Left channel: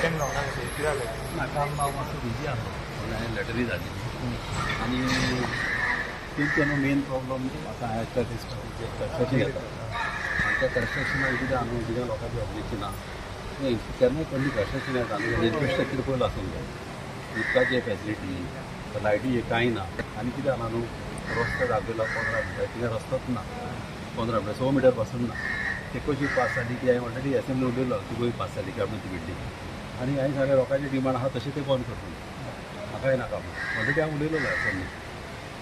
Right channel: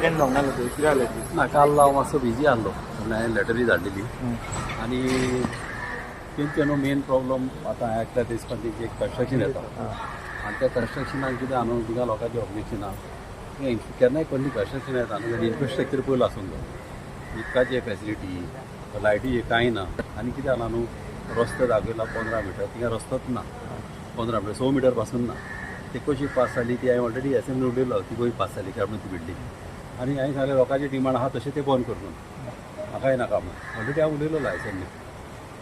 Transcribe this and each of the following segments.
attend जावंक ना कितें जालें ना काल हांव मातसो बिजी आहलो म्हणून हांवें लॅटरी धाडलेली आनी तेंचे न्हू मेन प्रॉब्लम आतां एकल्या दिसपाची कन्स्ट्रक्शन येता आनी त्या कन्स्ट्रक्शनाक कितें आहा न्हू कित्याक लोकांची ऑब्जेक्शनां तें केन्नाय कसली कन्स्ट्रक्शन येता आनी इन्फ्रास्ट्रक्चर पयलो आसूंक जाय उदकाची फॅसिलिटी लायटी कांय ना आनी कितें जालां न्हू रस्तो दाखयला 15 मिटर कित्याक रस्तोच ना 15 मिटर 100 मिटर पासून ना ती कशी पास जाली ती हांवें ऑलरेडी एसएमनी उलयलो ती गोंय पास जाली कॅबिनेट बिल्डींग आनी हांवें सांगलें लोकांचे डिमांड आहा तशें ते बंद करून म्हाकाय नाका म्हणून ऑलरेडी हांव उलयलेलो एसएमनी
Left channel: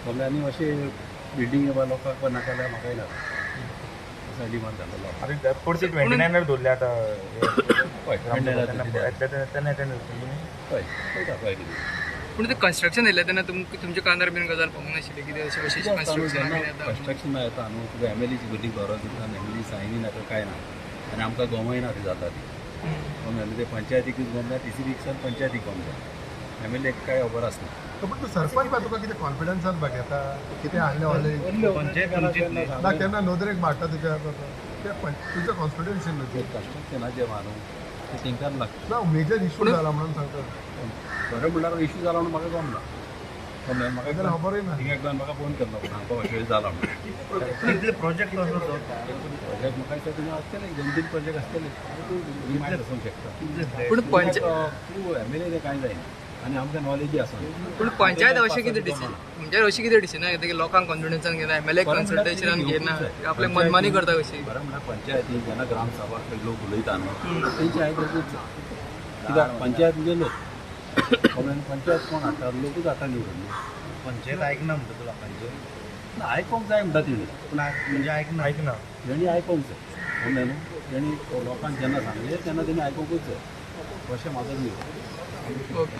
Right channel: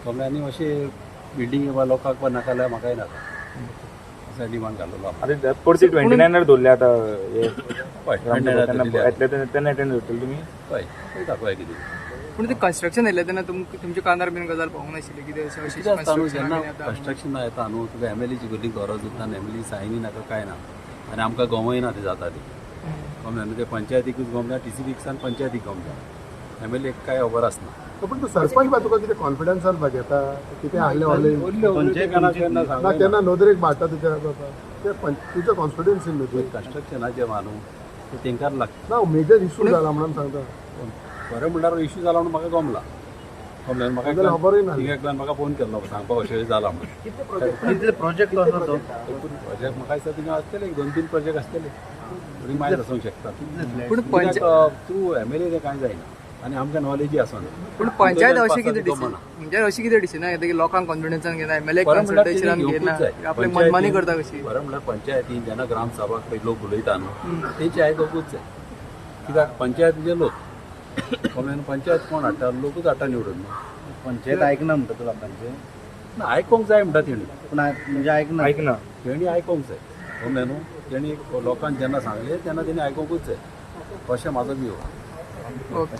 समजा आनी अशें बिल्डींग बाबा लोकांक पण नाका जाल्यार म्हाकाय नाका असो डिमांड घाल्लेलो आतां परती 29 दवरले आतां पळय तेन्ना अटेंड करतले तुमी पळयता पळय कितें पूण ते कन्स्ट्रक्शन येयलें तेन्ना तुमच्या कानार बीन गजाल पावूंक नाशिल्ली कितें अशें अशें कन्स्ट्रक्शन येता न्हू तुका एमएलएची भरली गरज उरता एमएलए सायनी नाका काय ना आनी आमकां गमय ना ती जाता ती गमना ते पंचायतीकूच गम जाय TC रिक्सान पंचायतीक गम जाय एमएलए काय खबर आसना फक्त सरपंच बा तुका कितें कॉन्फिडन्सान बा घेता कितें आहलें केन्ना नदरेक मारता तिका तुजो कॉन्फिडन्स इन न्हू कन्स्ट्रक्शनाचे मानू ते तेंकां लागता ना मेजर इशू जाला म्हणून सांगता बरें म्हणल्यार इशू जाला म्हणून म्हाका गमला गमलें म्हाका खबरूय ना एकदां म्हाका फोन केल्लो सांगपाक अशें जाला म्हणून प्रोजेक्ट लॉस प्रोजेक्ट म्हाका दिसता तुमी आसतले 2-3 प्रोजेक्ट आसतले तुमी मागीर आसूंक शकता पूण तूं एमएलए तें कांय जायना आनी आमकां नॉलेजी आसना पूण पंचायत अशें कितें डिसिजन म्हणजे अशी कितें डिसिजन घेता की लोकांक कॉन्फिडन्सान घेना एमएलए कन्सल्टेशनान घेना आपले मनमानी करता कशी बरें म्हणल्यार पंचायतीन जेन्ना ग्रामसभाक पळय लोक उलयता न्हू तेंची आयकूंकूच जाय कित्याक पंचायतीचे लोक पंचायत कोण हाडटा लोकूच हाडटा निवडून न्हू पंचायत आयकना म्हणटा तुका लोकांचे ना आयकूंक जाय म्हणटा तेणी म्हणजे आयकना तेणी आयकूंक जाय कळ्ळें न्हू तेणी लोकांक जेन्ना सांगलें तेन्ना तेणी आयकूंकूच जाय अशें म्हाजो व्यू ओके